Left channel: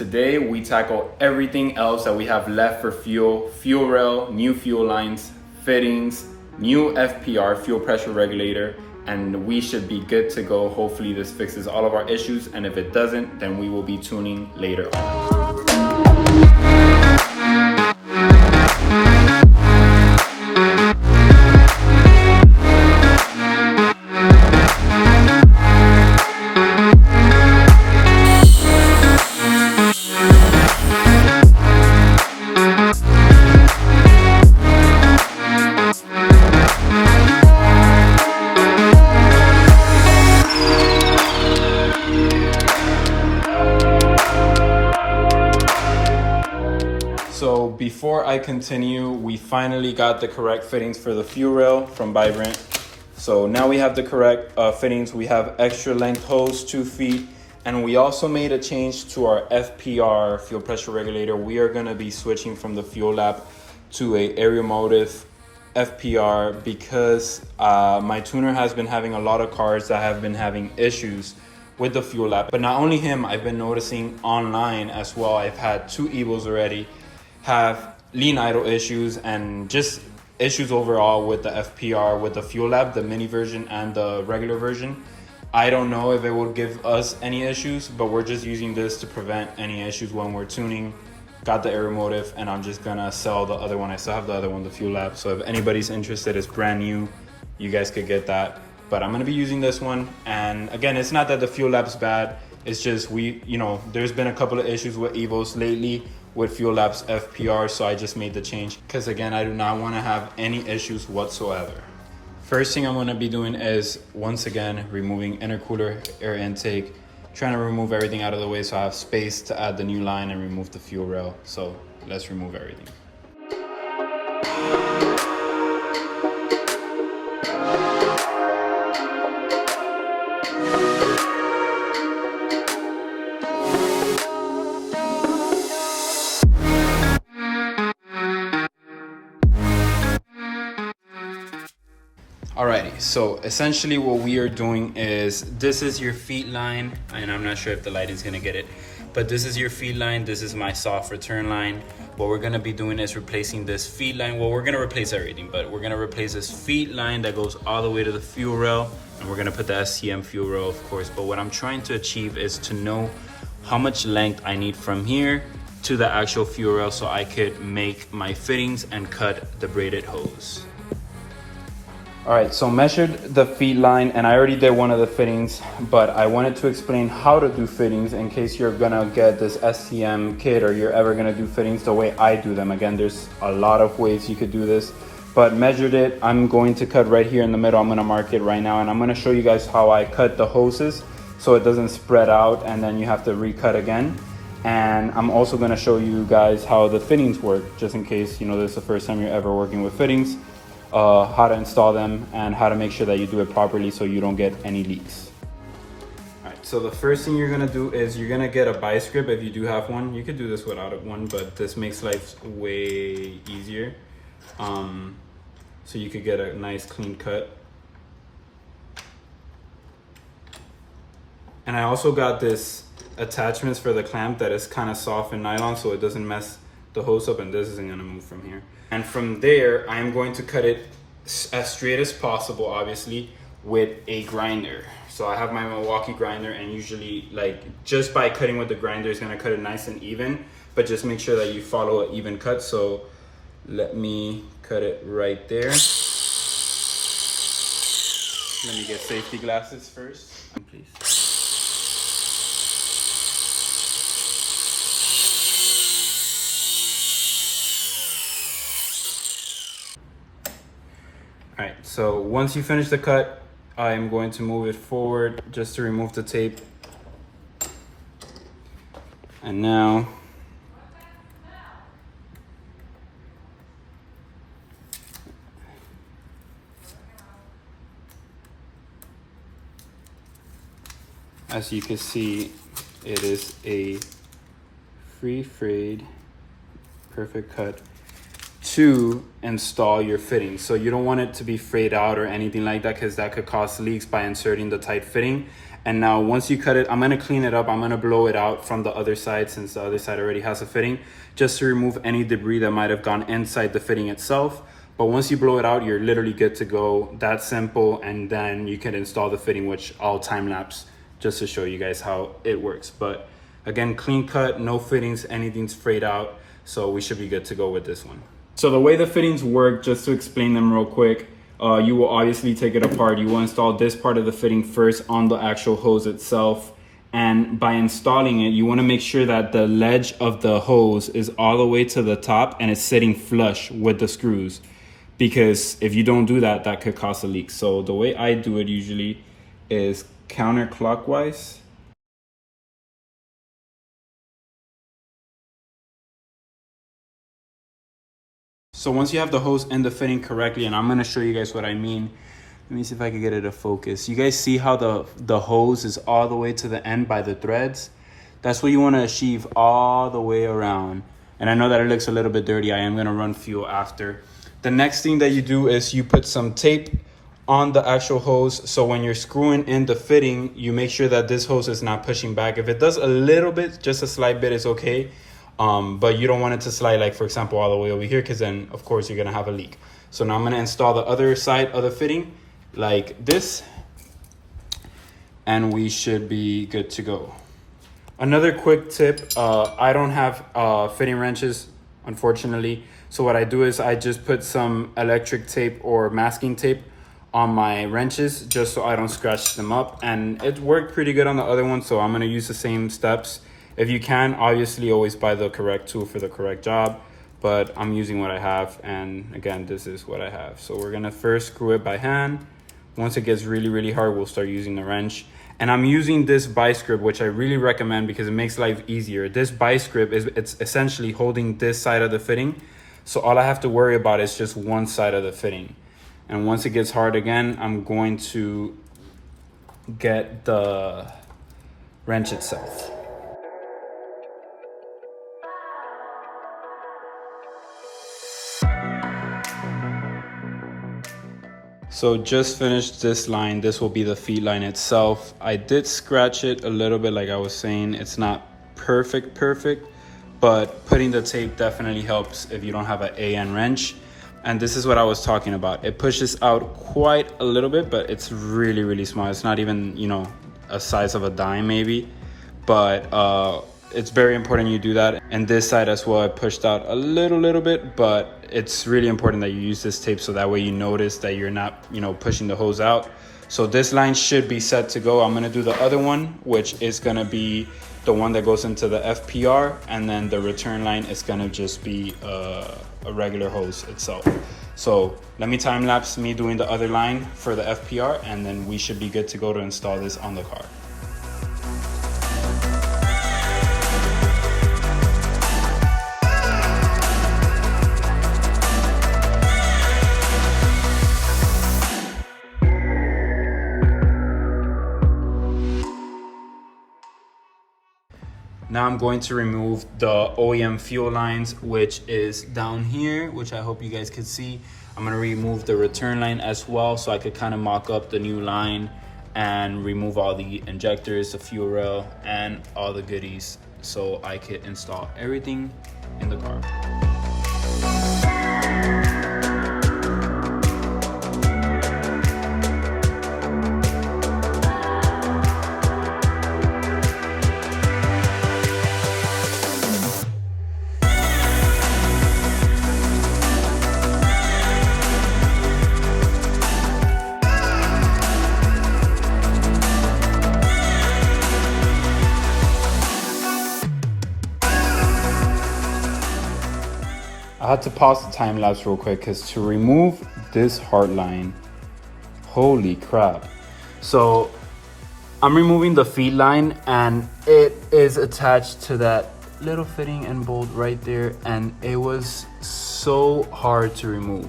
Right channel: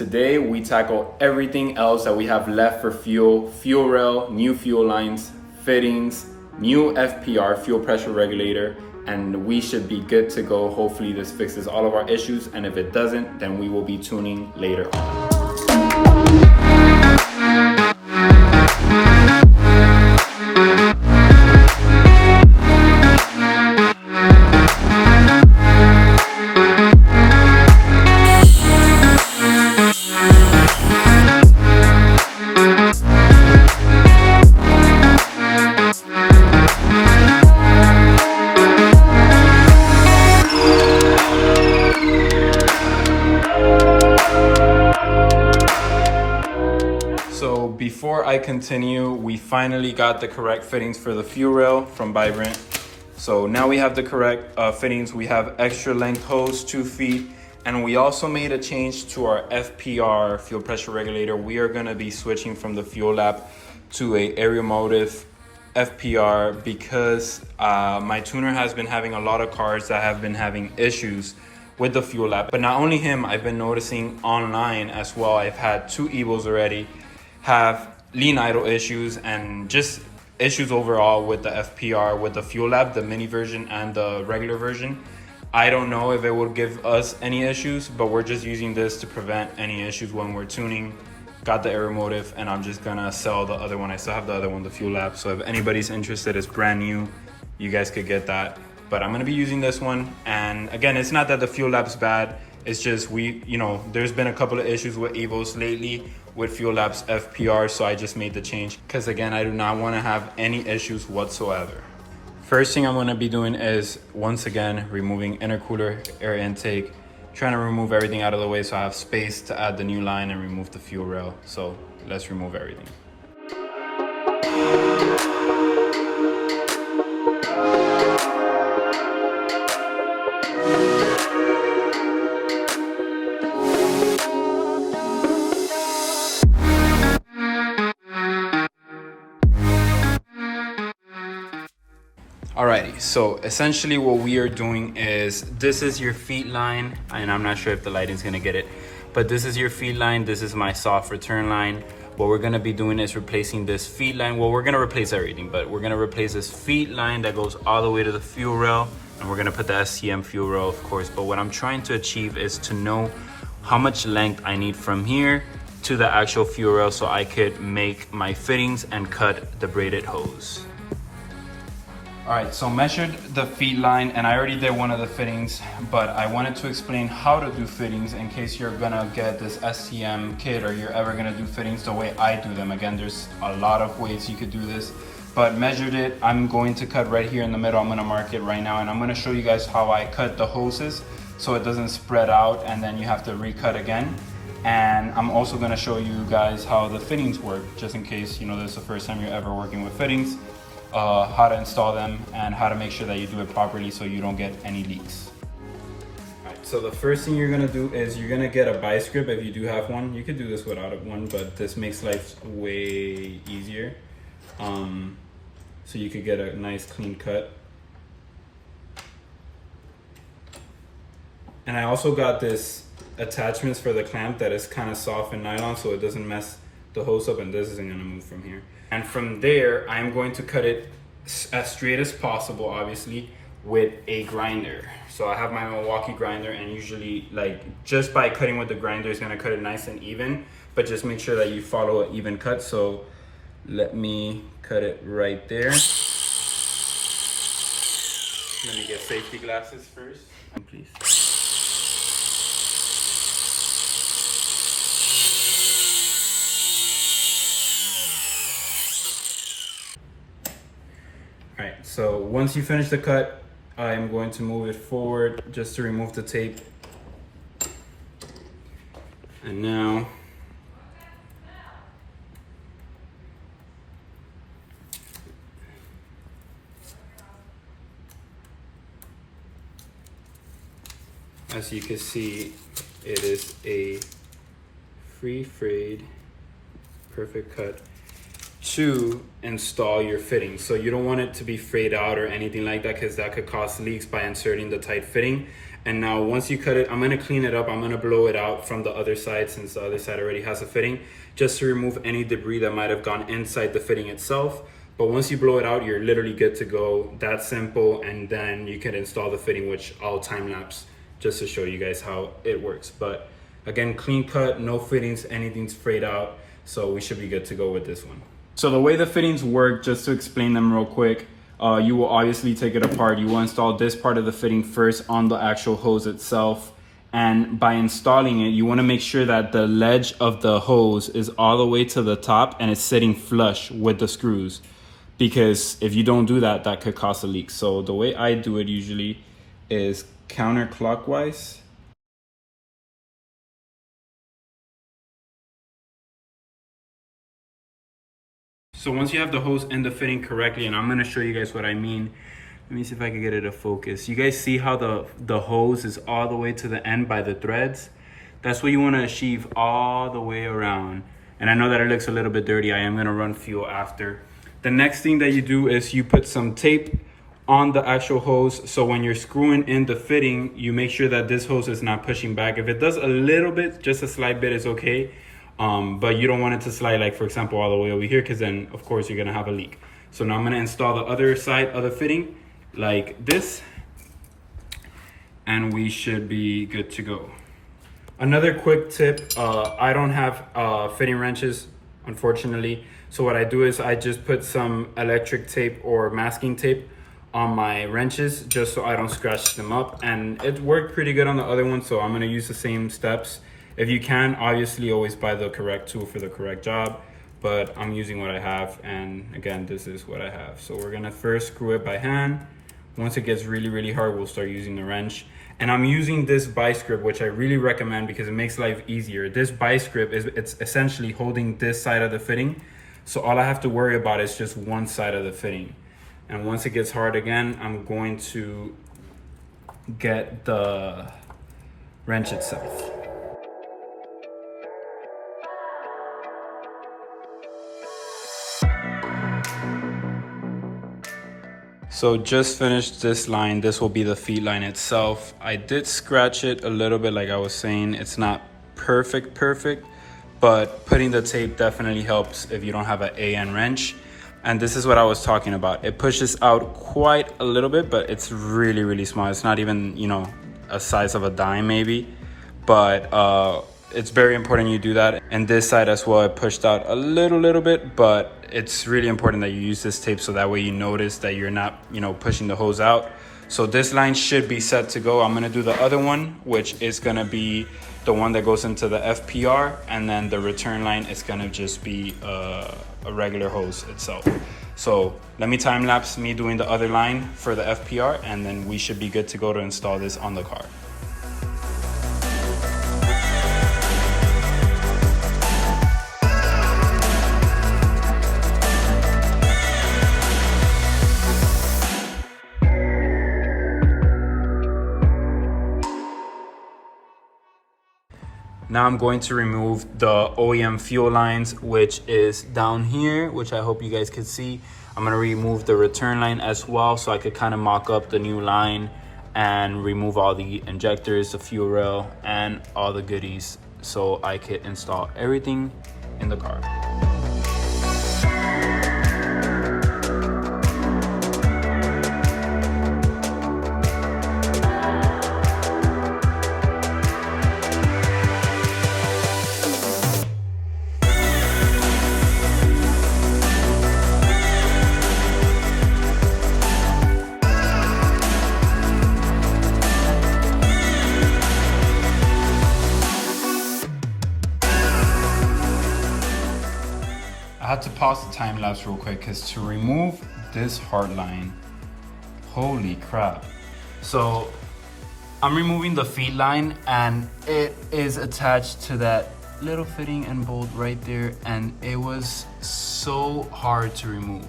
Today we tackle everything else that we have left for fuel rail, new fuel lines, fittings, new FPR, fuel pressure regulator, and we should be good to go. Hopefully this fixes all of our issues, and if it doesn't, then we will be tuning later on. So before I continue, we finally got the correct fittings for the fuel rail from Vibrant. So now we have the correct fittings. We have extra length hose, 2 feet, and we also made a change to our FPR, fuel pressure regulator. We are gonna be switching from the Fuel Lab to a Aeromotive FPR because my tuner has been having a lot of cars that have been having issues with the Fuel Lab. But not only him, I've been noticing online as well. I've had 2 Evos already have lean idle issues and just issues overall with the FPR, with the Fuel Lab, the mini version and the regular version. I don't know if it will give us any issues, but we're just using this to prevent any issues when we're tuning. Got the Aeromotive, and I'm just gonna sell the other one. I still have the other one, the Fuel Lab. So if anybody's interested, it's brand new. You guys could get that. But I'm gonna be using this one. And again, it's not that the Fuel Lab's bad. It's just there's been a couple of issues with Evos lately with Fuel Lab's FPR, so I just made the change because again, I do not want to have any issues whatsoever. First thing I'm going to be doing is once again removing intercooler, air intake, trying to remove everything out of the way so I have space to add the new line and remove the fuel rail. So let's remove everything. Alrighty, so essentially what we are doing is, this is your feed line, and I'm not sure if the lighting's gonna get it, but this is your feed line, this is my soft return line. What we're gonna be doing is replacing this feed line. Well, we're gonna replace everything, but we're gonna replace this feed line that goes all the way to the fuel rail, and we're gonna put the STM fuel rail, of course. But what I'm trying to achieve is to know how much length I need from here to the actual fuel rail so I could make my fittings and cut the braided hose. All right, so measured the feed line, and I already did one of the fittings, but I wanted to explain how to do fittings in case you're gonna get this STM kit or you're ever gonna do fittings the way I do them. Again, there's a lot of ways you could do this, but measured it. I'm going to cut right here in the middle. I'm gonna mark it right now, and I'm gonna show you guys how I cut the hoses so it doesn't spread out and then you have to recut again. And I'm also gonna show you guys how the fittings work, just in case this is the first time you're ever working with fittings. How to install them and how to make sure that you do it properly so you don't get any leaks. All right, so the first thing you're gonna do is you're gonna get a vice grip if you do have one. You could do this without one, but this makes life way easier. So you could get a nice clean cut. And I also got this attachments for the clamp that is kind of soft and nylon so it doesn't mess the hose up, and this isn't gonna move from here. And from there, I'm going to cut it as straight as possible, obviously, with a grinder. So I have my Milwaukee grinder, and usually, just by cutting with the grinder, it's gonna cut it nice and even, but just make sure that you follow an even cut. So let me cut it right there. Let me get safety glasses first, please. All right, so once you finish the cut, I am going to move it forward just to remove the tape. And now, as you can see, it is a free frayed, perfect cut to install your fitting. So you don't want it to be frayed out or anything like that, because that could cause leaks by inserting the tight fitting. And now once you cut it, I'm gonna clean it up. I'm gonna blow it out from the other side, since the other side already has a fitting, just to remove any debris that might have gone inside the fitting itself. But once you blow it out, you're literally good to go. That simple. And then you can install the fitting, which I'll time lapse just to show you guys how it works. But again, clean cut, no fittings, anything's frayed out. So we should be good to go with this one. So the way the fittings work, just to explain them real quick, you will obviously take it apart. You will install this part of the fitting first on the actual hose itself. And by installing it, you want to make sure that the ledge of the hose is all the way to the top and it's sitting flush with the screws. Because if you don't do that, that could cause a leak. So the way I do it usually is counterclockwise. So once you have the hose in the fitting correctly, and I'm gonna show you guys what I mean. Let me see if I can get it to focus. You guys see how the hose is all the way to the end by the threads? That's what you wanna achieve all the way around. And I know that it looks a little bit dirty. I am gonna run fuel after. The next thing that you do is you put some tape on the actual hose. So when you're screwing in the fitting, you make sure that this hose is not pushing back. If it does a little bit, just a slight bit is okay. But you don't want it to slide, like for example, all the way over here, because then of course you're gonna have a leak. So now I'm gonna install the other side of the fitting like this, and we should be good to go. Another quick tip, I don't have fitting wrenches, unfortunately. So what I do is I just put some electric tape or masking tape on my wrenches just so I don't scratch them up. And it worked pretty good on the other one, so I'm gonna use the same steps. If you can, obviously always buy the correct tool for the correct job, but I'm using what I have, and again, this is what I have. So we're gonna first screw it by hand. Once it gets really, really hard, we'll start using the wrench. And I'm using this vice grip, which I really recommend because it makes life easier. This vice grip it's essentially holding this side of the fitting. So all I have to worry about is just one side of the fitting. And once it gets hard again, I'm going to get the wrench itself. So just finished this line. This will be the feed line itself. I did scratch it a little bit, like I was saying. It's not perfect, but putting the tape definitely helps if you don't have an AN wrench. And this is what I was talking about. It pushes out quite a little bit, but it's really, really small. It's not even, you know, a size of a dime maybe, but it's very important you do that. And this side as well, it pushed out a little bit, but it's really important that you use this tape so that way you notice that you're not, you know, pushing the hose out. So this line should be set to go. I'm gonna do the other one, which is gonna be the one that goes into the FPR, and then the return line is gonna just be a regular hose itself. So let me time lapse me doing the other line for the FPR, and then we should be good to go to install this on the car. Now I'm going to remove the OEM fuel lines, which is down here, which I hope you guys could see. I'm gonna remove the return line as well, so I could kind of mock up the new line and remove all the injectors, the fuel rail, and all the goodies, so I could install everything in the car. I had to pause the time lapse real quick because to remove this hard line, holy crap. So I'm removing the feed line, and it is attached to that little fitting and bolt right there, and it was so hard to remove.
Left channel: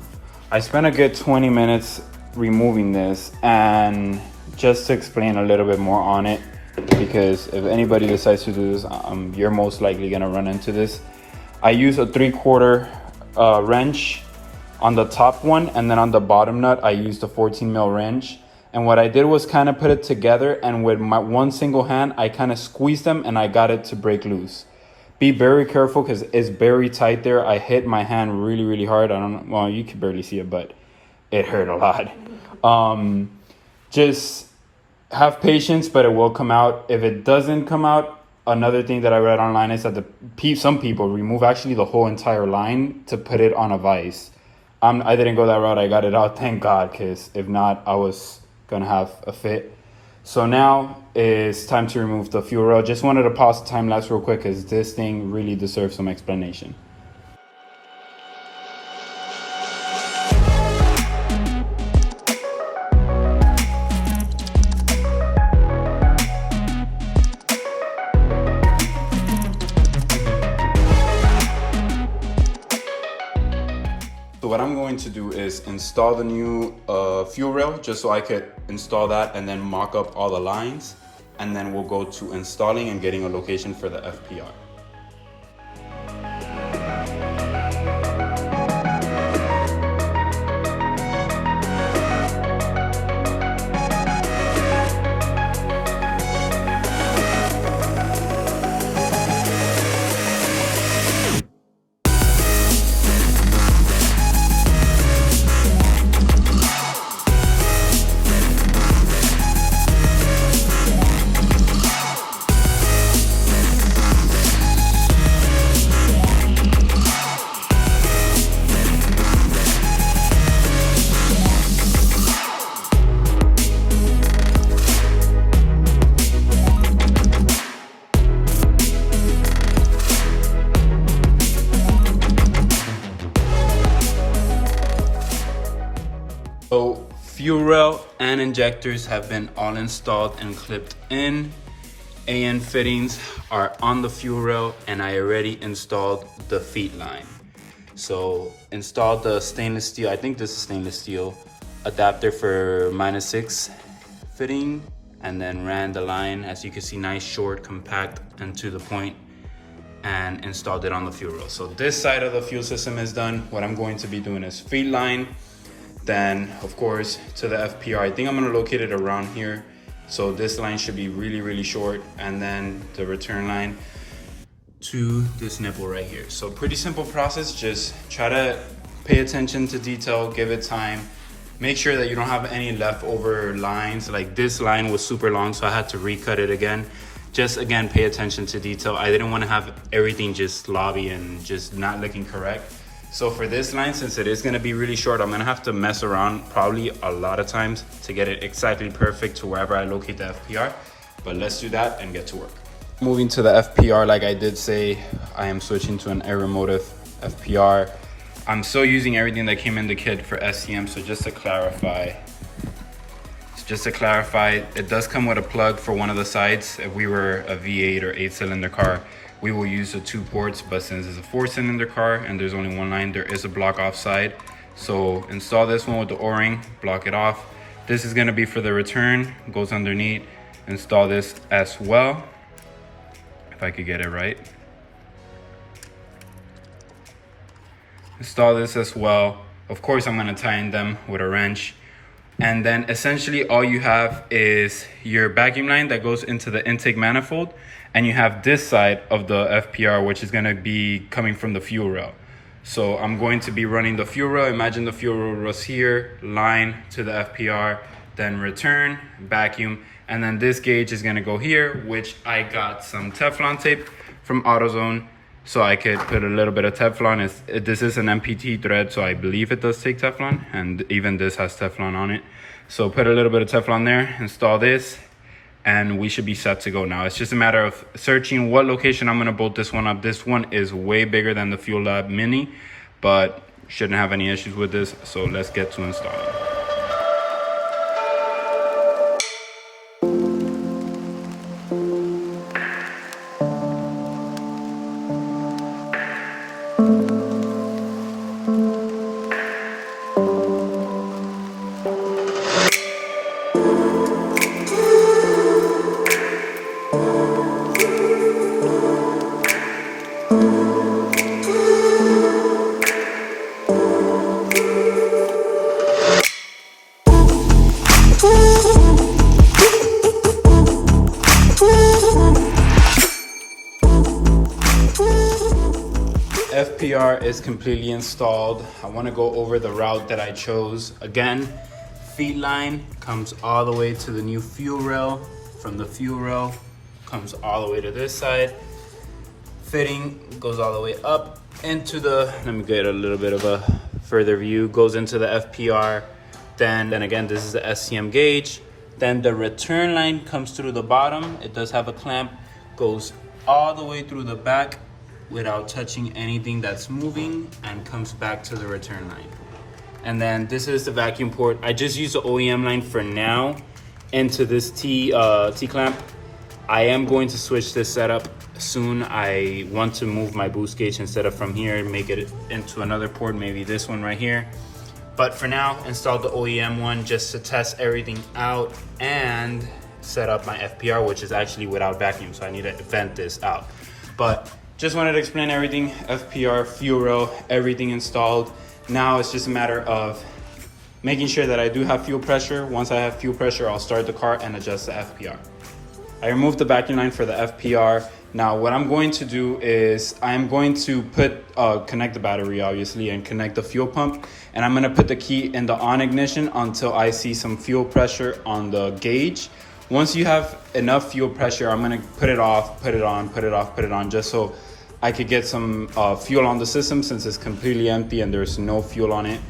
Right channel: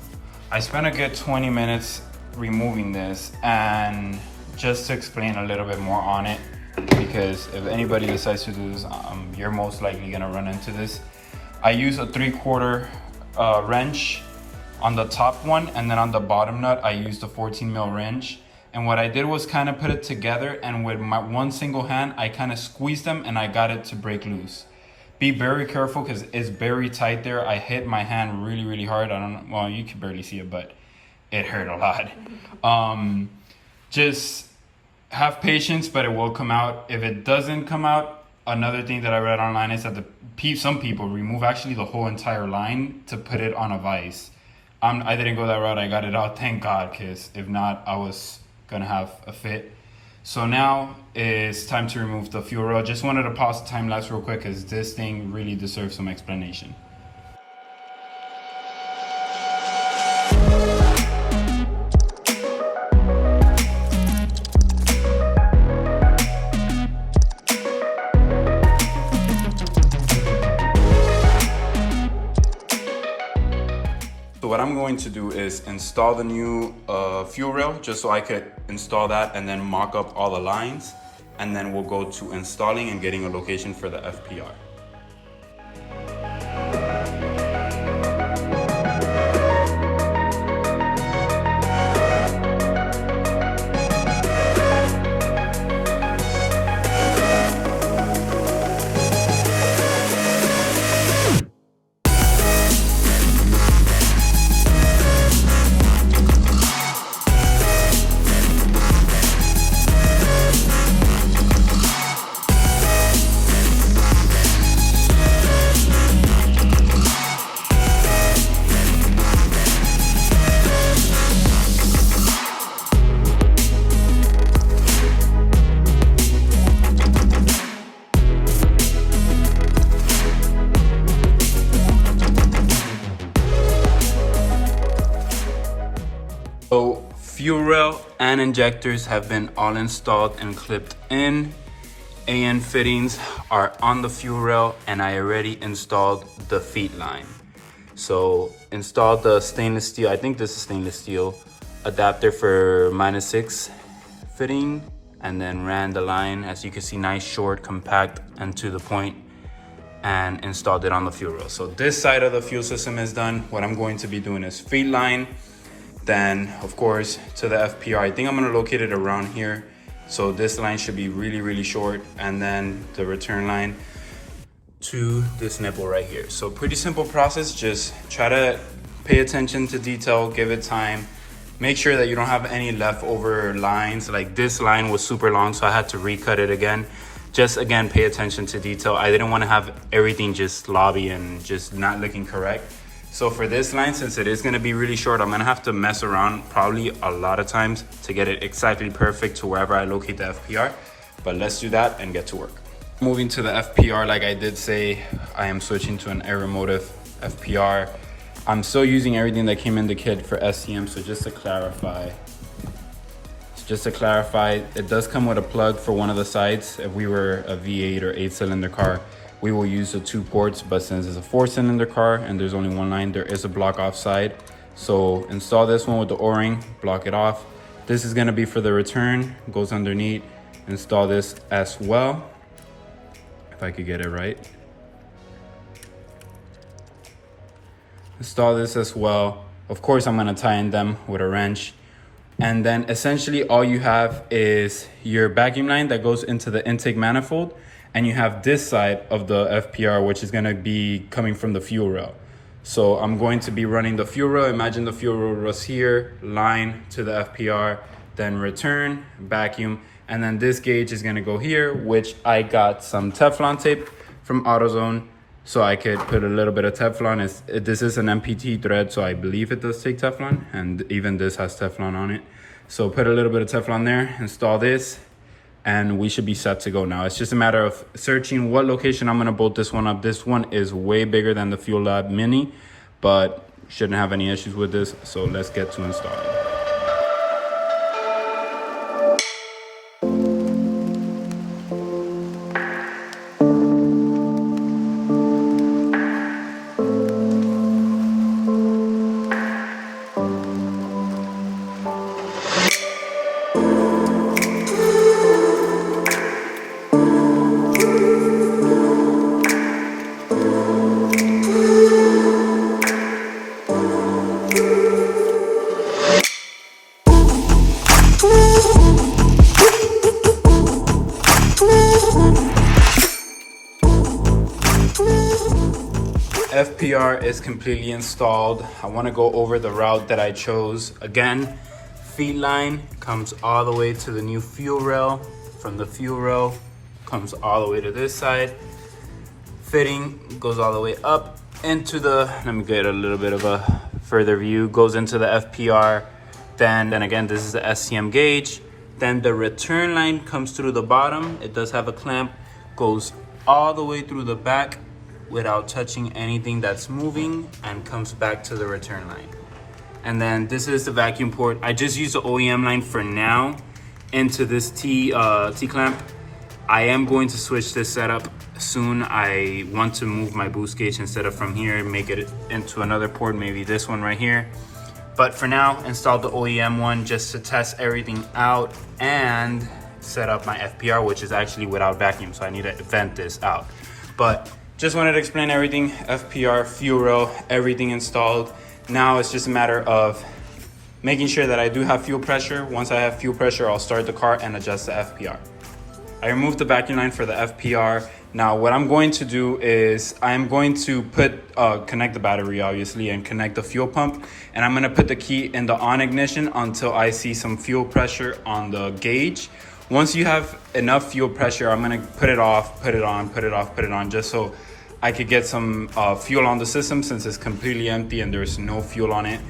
I spent a good 20 minutes removing this, and just to explain a little bit more on it, because if anybody decides to do this, you're most likely gonna run into this. I use a 3/4 wrench on the top one, and then on the bottom nut I used a 14 mil wrench. And what I did was kind of put it together, and with my one single hand, I kind of squeezed them and I got it to break loose. Be very careful because it's very tight there. I hit my hand really, really hard. I don't know, well, you can barely see it, but it hurt a lot. Just have patience, but it will come out. If it doesn't come out, another thing that I read online is that some people remove actually the whole entire line to put it on a vise. I didn't go that route. I got it out, thank God, because if not, I was gonna have a fit. So now it's time to remove the fuel rail. Just wanted to pause the time lapse real quick because this thing really deserves some explanation. So what I'm going to do is install the new fuel rail just so I could install that and then mock up all the lines. And then we'll go to installing and getting a location for the FPR. So fuel rail and injectors have been all installed and clipped in. AN fittings are on the fuel rail, and I already installed the feet line. So installed the stainless steel, I think this is stainless steel, adapter for -6 fitting, and then ran the line, as you can see, nice, short, compact, and to the point, and installed it on the fuel rail. So this side of the fuel system is done. What I'm going to be doing is feet line, then of course to the FPR. I think I'm gonna locate it around here. So this line should be really, really short, and then the return line to this nipple right here. So pretty simple process. Just try to pay attention to detail, give it time. Make sure that you don't have any leftover lines. Like this line was super long, so I had to recut it again. Just again, pay attention to detail. I didn't want to have everything just lobby and just not looking correct. So for this line, since it is gonna be really short, I'm gonna have to mess around probably a lot of times to get it exactly perfect to wherever I locate the FPR. But let's do that and get to work. Moving to the FPR, like I did say, I am switching to an Aeromotive FPR. I'm still using everything that came in the kit for STM, so just to clarify, it does come with a plug for one of the sides. If we were a V8 or 8-cylinder car, we will use the 2 ports, but since it's a 4-cylinder car and there's only one line, there is a block off side. So install this one with the O-ring, block it off. This is gonna be for the return, goes underneath. Install this as well, if I could get it right. Install this as well. Of course, I'm gonna tie in them with a wrench. And then essentially all you have is your vacuum line that goes into the intake manifold, and you have this side of the FPR, which is gonna be coming from the fuel rail. So I'm going to be running the fuel rail. Imagine the fuel rail was here, line to the FPR, then return, vacuum, and then this gauge is gonna go here, which I got some Teflon tape from AutoZone, so I could put a little bit of Teflon. This is an MPT thread, so I believe it does take Teflon, and even this has Teflon on it. So put a little bit of Teflon there, install this, and we should be set to go now. It's just a matter of searching what location I'm gonna bolt this one up. This one is way bigger than the Fuel Lab Mini, but shouldn't have any issues with this. So let's get to installing. FPR is completely installed. I want to go over the route that I chose. Again, feed line comes all the way to the new fuel rail. From the fuel rail comes all the way to this side. Fitting goes all the way up into the, let me get a little bit of a further view, goes into the FPR. Then again, this is the STM gauge. Then the return line comes through the bottom. It does have a clamp, goes all the way through the back without touching anything that's moving, and comes back to the return line. And then this is the vacuum port. I just use the OEM line for now into this T-clamp. I am going to switch this setup soon. I want to move my boost gauge instead of from here and make it into another port, maybe this one right here. But for now, install the OEM one just to test everything out and set up my FPR, which is actually without vacuum, so I need to vent this out. But just wanted to explain everything. FPR, fuel rail, everything installed. Now it's just a matter of making sure that I do have fuel pressure. Once I have fuel pressure, I'll start the car and adjust the FPR. I removed the vacuum line for the FPR. Now what I'm going to do is I'm going to connect the battery obviously and connect the fuel pump, and I'm gonna put the key in the on ignition until I see some fuel pressure on the gauge. Once you have enough fuel pressure, I'm gonna put it off, put it on, put it off, put it on, just so I could get some fuel on the system since it's completely empty and there's no fuel on it.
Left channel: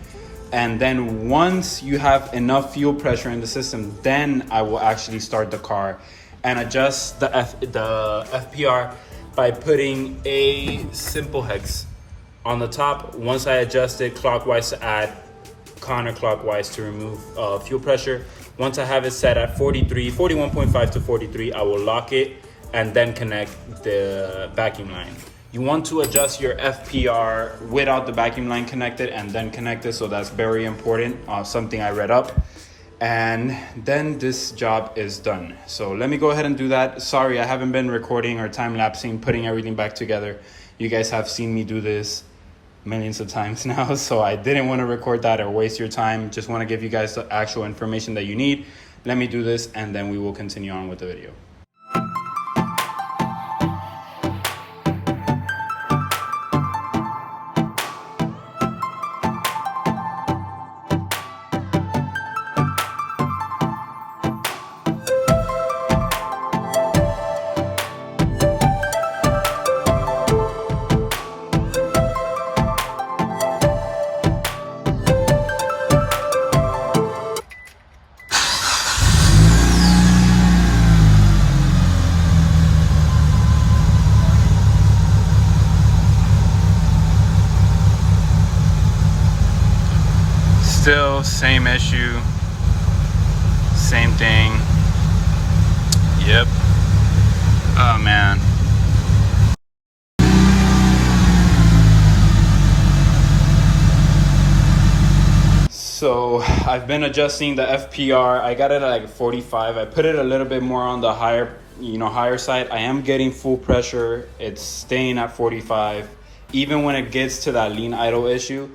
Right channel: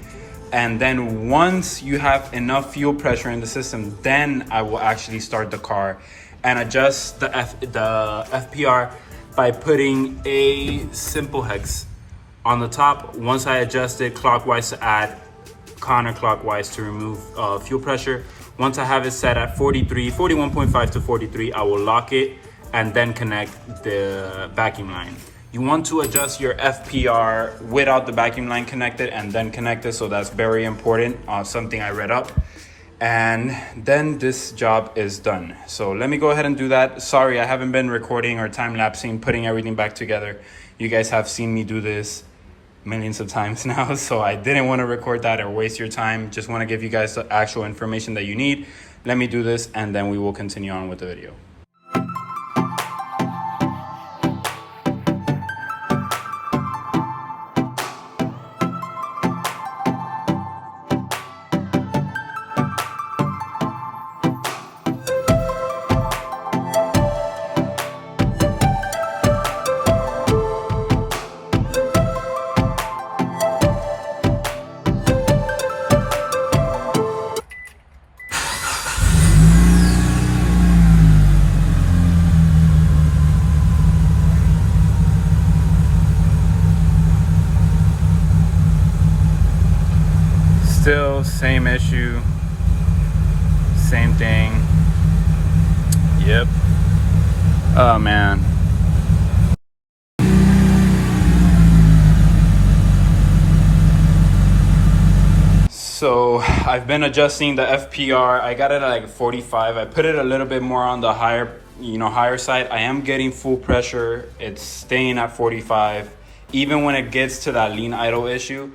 And then once you have enough fuel pressure in the system, then I will actually start the car and adjust the FPR by putting a simple hex on the top. Once I adjust it clockwise to add, counterclockwise to remove fuel pressure. Once I have it set at 41.5 to 43, I will lock it and then connect the vacuum line. You want to adjust your FPR without the vacuum line connected and then connect it, so that's very important, something I read up. And then this job is done. So let me go ahead and do that. Sorry, I haven't been recording or time-lapsing, putting everything back together. You guys have seen me do this millions of times now, so I didn't want to record that or waste your time. Just want to give you guys the actual information that you need. Let me do this and then we will continue on with the video. Still same issue, same thing. Yep. Oh man. So I've been adjusting the FPR. I got it at like 45. I put it a little bit more on the higher side. I am getting full pressure. It's staying at 45. Even when it gets to that lean idle issue,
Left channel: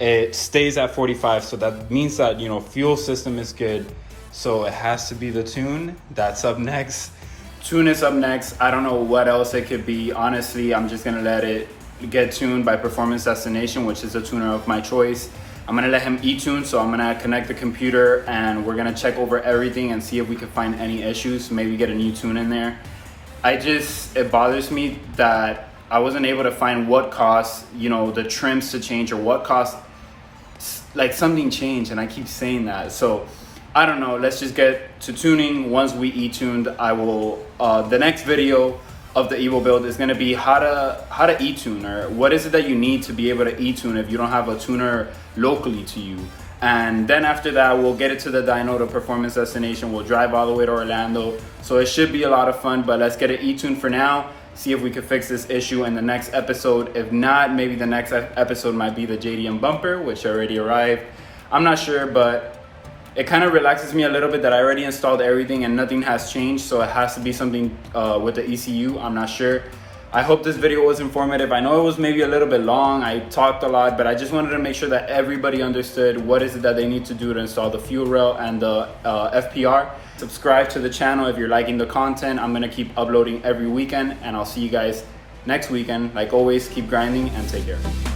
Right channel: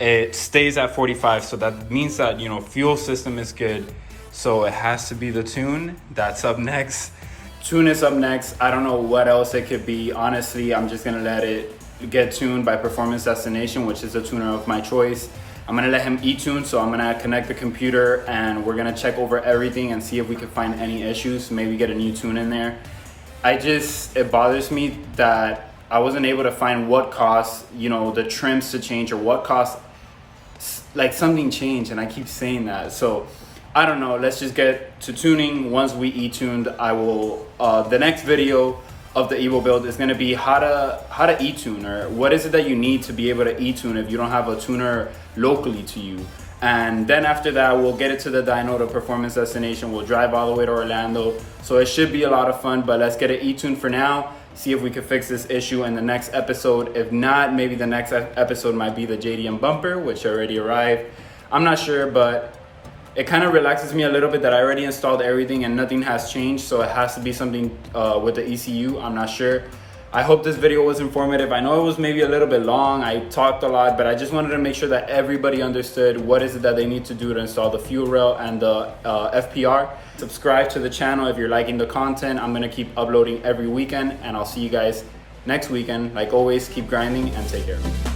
it stays at 45. So that means that, fuel system is good. So it has to be the tune. That's up next. Tune is up next. I don't know what else it could be. Honestly, I'm just gonna let it get tuned by Performance Destination, which is a tuner of my choice. I'm gonna let him e-tune, so I'm gonna connect the computer and we're gonna check over everything and see if we can find any issues, maybe get a new tune in there. It bothers me that I wasn't able to find what caused, the trims to change, or what caused like something changed, and I keep saying that. So I don't know, let's just get to tuning. Once we e-tuned, I will, the next video of the Evo Build is gonna be how to e-tune, or what is it that you need to be able to e-tune if you don't have a tuner locally to you. And then after that, we'll get it to the dyno, to Performance Destination. We'll drive all the way to Orlando. So it should be a lot of fun, but let's get it e-tuned for now. See if we can fix this issue in the next episode. If not, maybe the next episode might be the JDM bumper, which already arrived. I'm not sure, but it kind of relaxes me a little bit that I already installed everything and nothing has changed. So it has to be something with the ECU. I'm not sure. I hope this video was informative. I know it was maybe a little bit long. I talked a lot, but I just wanted to make sure that everybody understood what is it that they need to do to install the fuel rail and the FPR. Subscribe to the channel if you're liking the content. I'm gonna keep uploading every weekend, and I'll see you guys next weekend. Like always, keep grinding and take care.